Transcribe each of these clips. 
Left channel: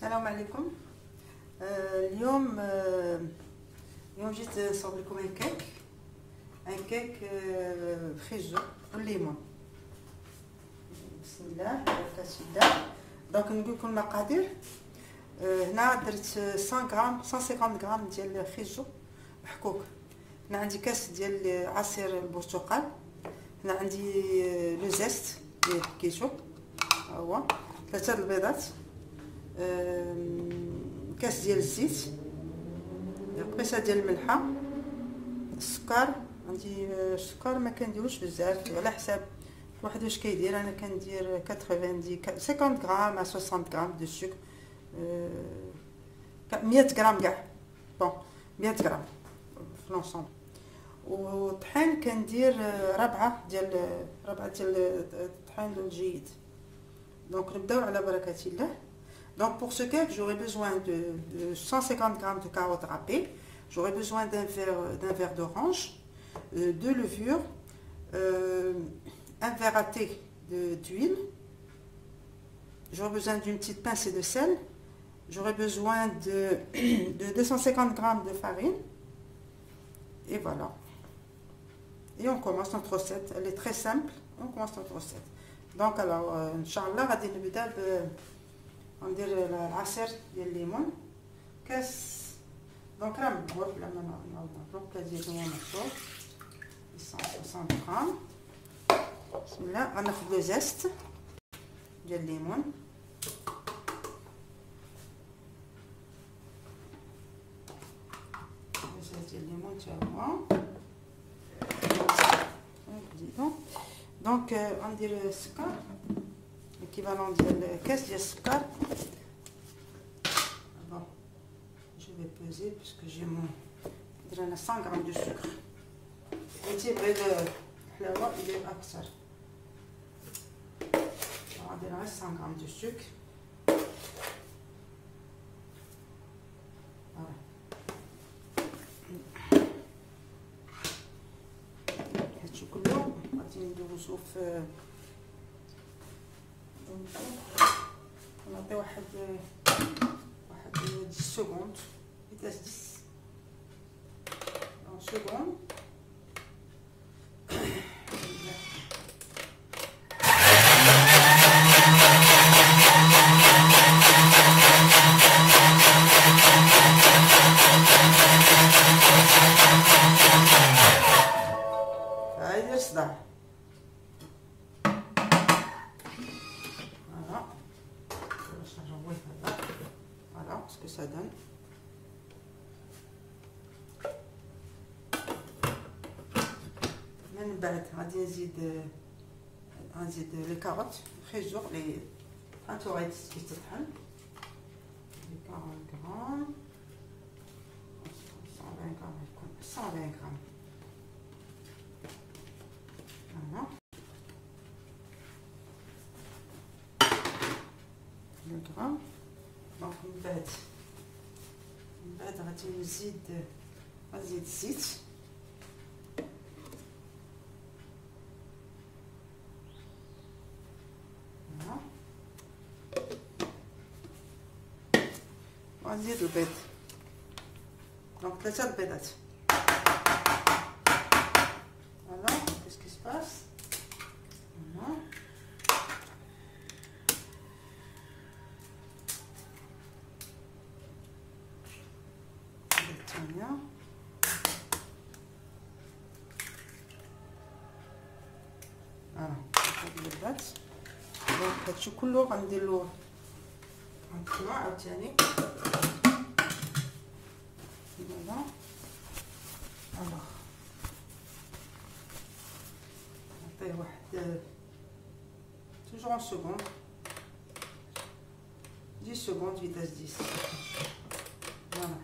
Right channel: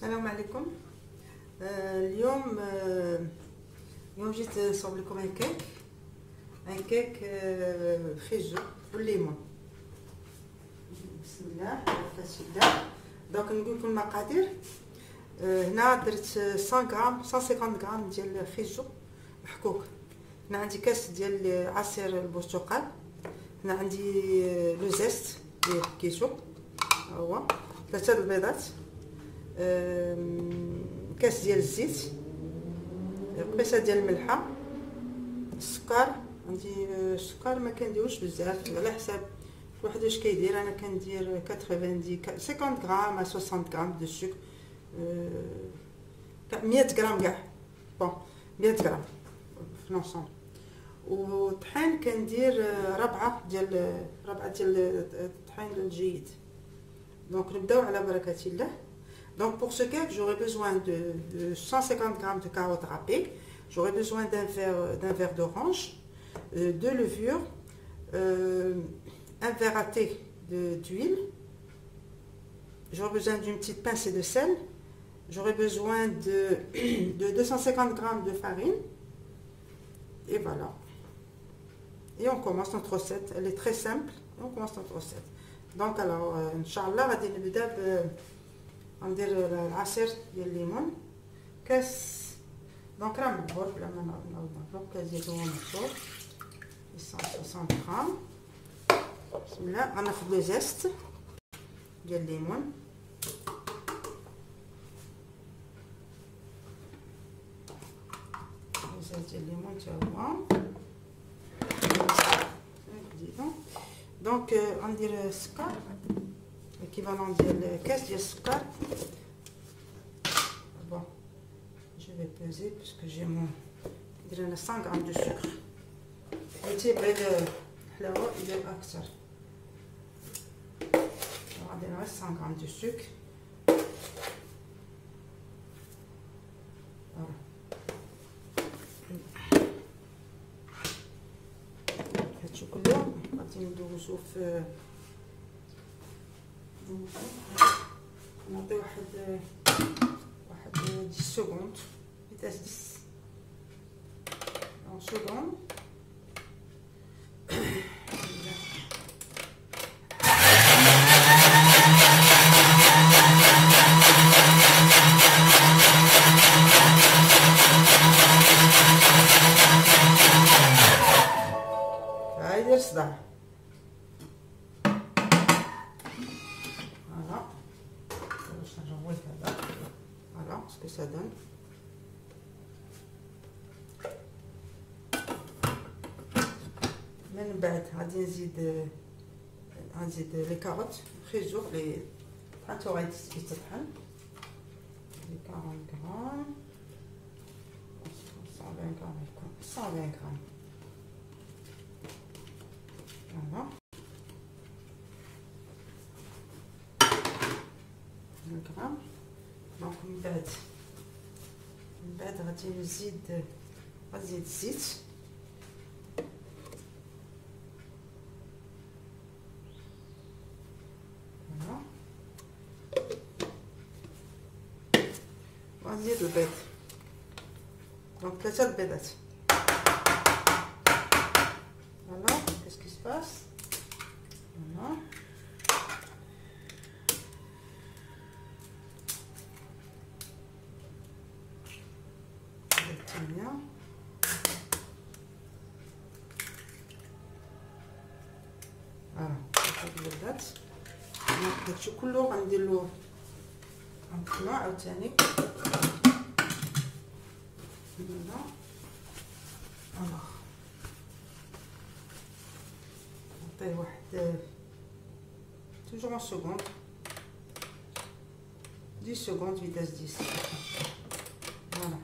السلام عليكم. اليوم جيت نصاوب لكم ان كيك فيجو والليمون. بسم الله كتبدا. دونك نقول لكم المقادير. هنا درت 100 غرام 150 غرام ديال فيجو محكوك. هنا عندي كاس ديال عصير البرتقال. هنا عندي لو زيست اللي حكيتو هو 3 البيضات، كاس ديال الزيت، قبيصه ديال الملحه، السكر. عندي السكر ما كنديروش بزاف على حساب واحد واش كيدير. انا كندير 50 غرام ا 60 غرام دو سكر، 100 غرام كاع، بون 100 غرام في لونسون. وطحين كندير ربعه ديال الطحين الجيد. Donc نبداو على بركة الله. Donc pour ce cake, j'aurai besoin de 150 g de carottes râpées, j'aurai besoin d'un verre d'orange, 2 levures, un verre à thé d'huile, j'aurai besoin d'une petite pincée de sel, j'aurai besoin de 250 g de farine, et voilà. Et on commence notre recette, elle est très simple, on commence notre recette. دونك الوغ ان شاء الله غادي نبدا غندير العصير ديال الليمون كاس. دونك راه مدبور بلا ما نعاود كاس ديال الليمون مدبور 160 غرام. بسم الله. غناخذ لو زيست ديال الليمون، الزيت ديال الليمون تا هو نزيدو. دونك غندير السكر l'équivalent ديال كاس ديال السكر. بون جو في بيزي باسكو جي مون ندير انا 100 غرام دو سكر. بغيتي بعيد الحلاوه يدير اكثر، غندير غير 100 غرام دو سكر. هادشي كله غادي ندوزو في نعطي واحد 10 سكوند فيتاس 10 سكوند. هايدير الصداع. Voilà ce que ça donne. من بعد غادي نزيد لي كاروت فيجو لي هاتو غادي يتطحن 40 غرام 120 غرام يكون 120 غرام. فوالا 100 غرام. دونك من بعد غادي نزيد الزيت. فوالا غنزيد البيض. دونك 3 البيضات. فوالا كيسكي سباس. فوالا هادشي كله غنديرلو غنطلع عاوتاني هنا. الوغ نعطيه واحد توجور 1 سكوند 10 سكوند فيتاس 10. فوالا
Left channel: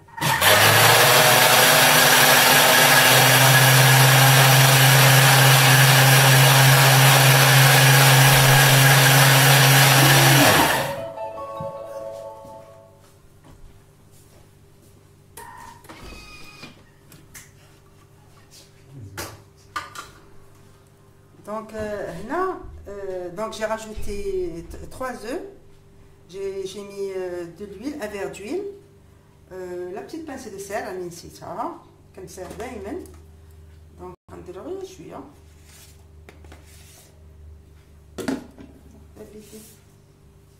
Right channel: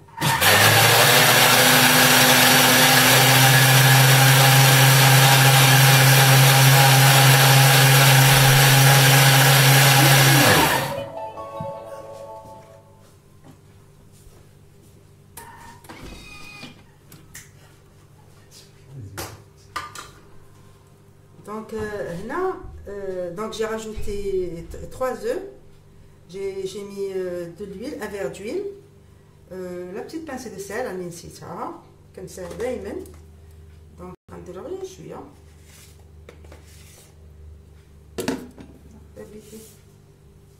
Donc, donc j'ai rajouté 3 œufs, j'ai mis de l'huile, un verre d'huile, la petite pincée de sel, راني نسيتها كنساها دائما. دونك غندير غير شويه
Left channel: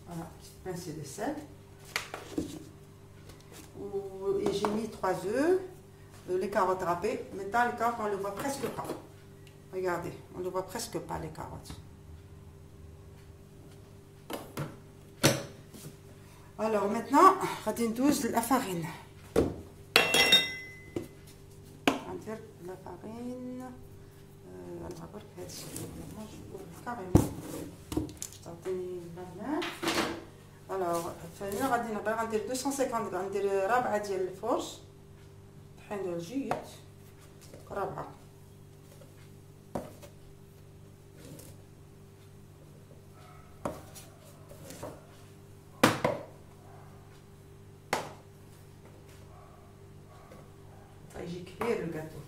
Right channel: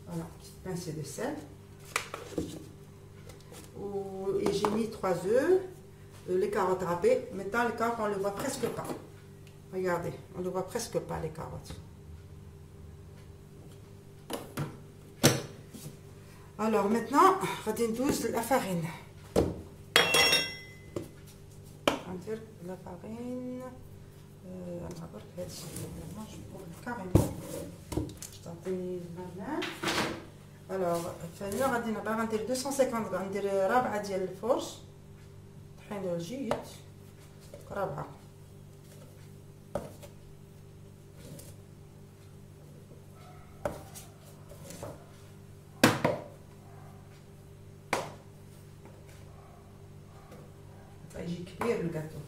voilà, petite pincée de sel. Et j'ai mis 3 œufs, les carottes râpées. Maintenant les carottes on ne le voit presque pas. Regardez, on ne voit presque pas les carottes. Alors maintenant, غادي ندوز la farine. غندير la farine. On va voir que je peux carrément. Alors الفانيلا غادي باغا ندير 250 غرام، ندير ربعه ديال الفرش طحينه جيد، ربعه. يجي كبير الكاتو.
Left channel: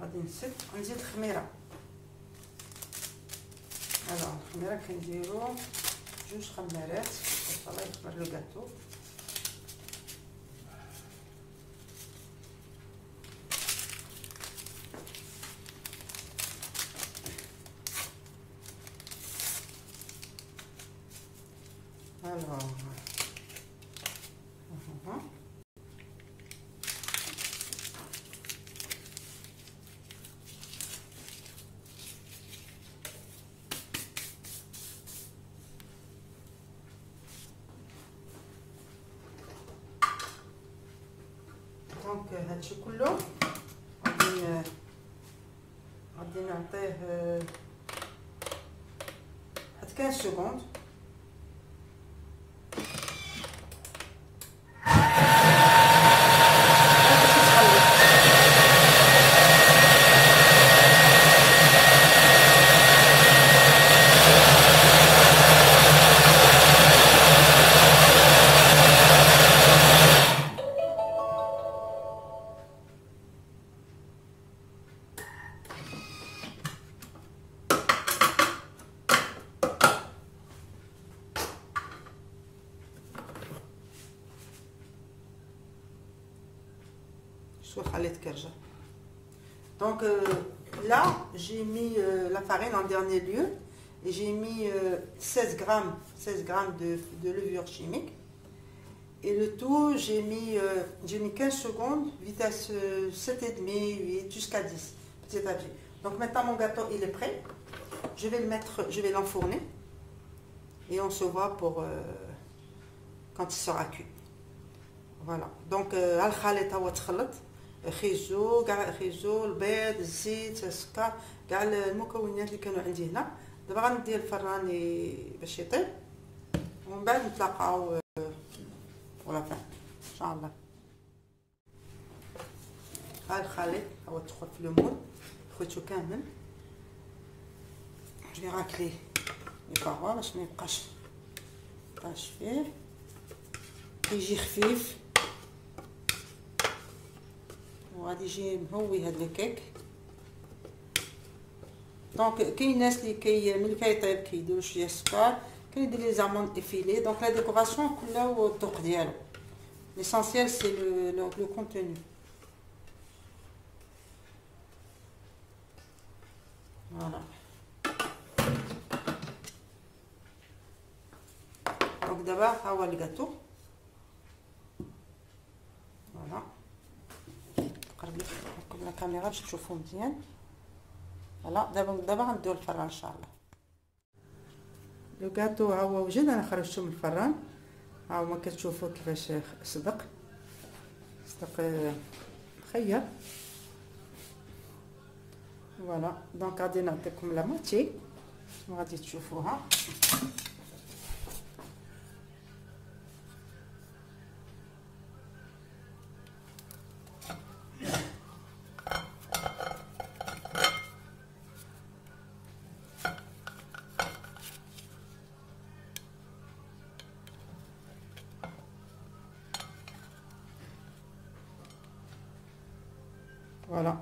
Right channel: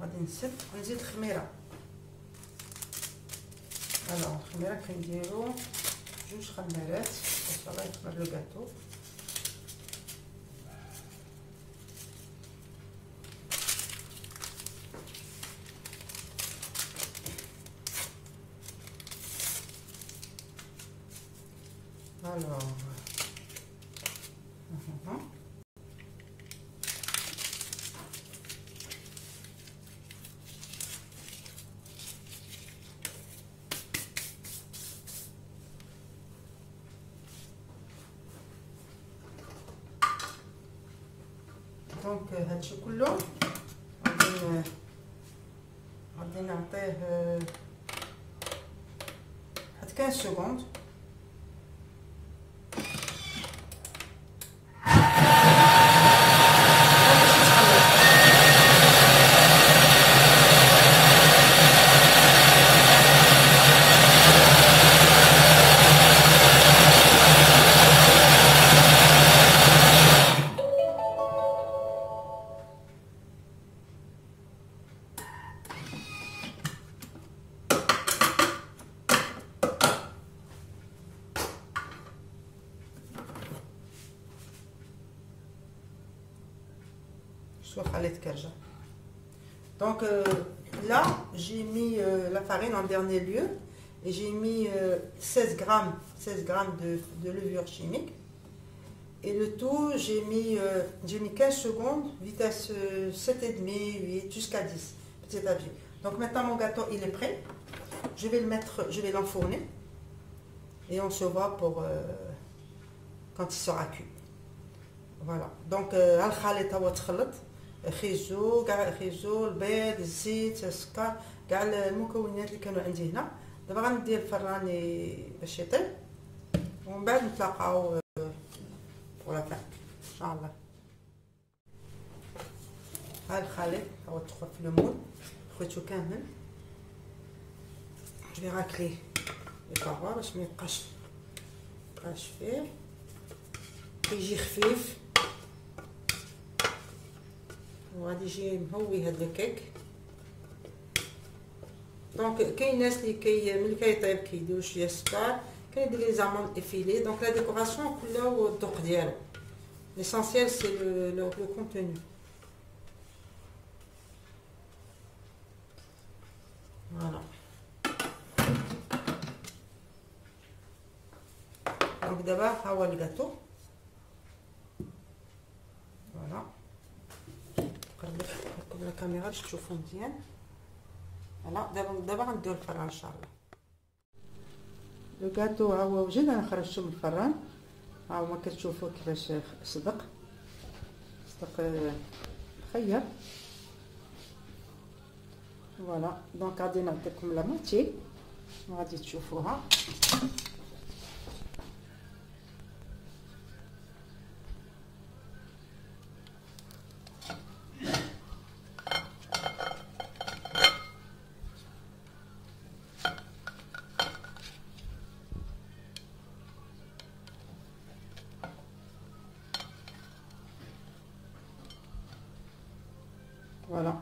غادي نزيد خميره. الخميره كنديرو 2 خمارات باش الله يخمر الكاتو. دونك هادشي كله غادي نعطيه واحد 15 سكوند. Donc là j'ai mis la farine en dernier lieu et j'ai mis 16 grammes de levure chimique, et le tout j'ai mis 15 secondes, vitesse 7,5, 8 jusqu'à 10 petit à petit. Donc maintenant mon gâteau il est prêt, je vais l'enfourner et on se voit pour quand il sera cuit. Voilà, donc الخليط هو تخلط خيزو البيض الزيت السكر كاع المكونات اللي كانوا عندي هنا. دابا غندير الفران باش يطيب ومن بعد نتلاقاو فوق ان شاء الله. ها الخليط هو دخل في المول خديتو كامل. جو راكلي الباروا باش ما يبقاش فيه، يجي خفيف وغادي يجي مهوي هذا الكيك. دونك كاين ناس اللي ملي كيطيب كيديروا شويه السكر، كاين يدير لي زامون افيلي. دونك لا ديكوراسيون كلها هو الذوق ديالو، ليسونسيال سي لو كونتوني. فوالا دونك دابا ها هو الكاتو. فوالا نقرب لكم الكاميرا باش تشوفوا مزيان. فوالا دابا غندير الفران ان شاء الله. لو كاتو ها هو وجد، انا خرجته من الفران. ها هما كتشوفوا كيفاش صدق مخير. فوالا دونك غادي نعطيكم لا موتي وغادي تشوفوها. Voilà.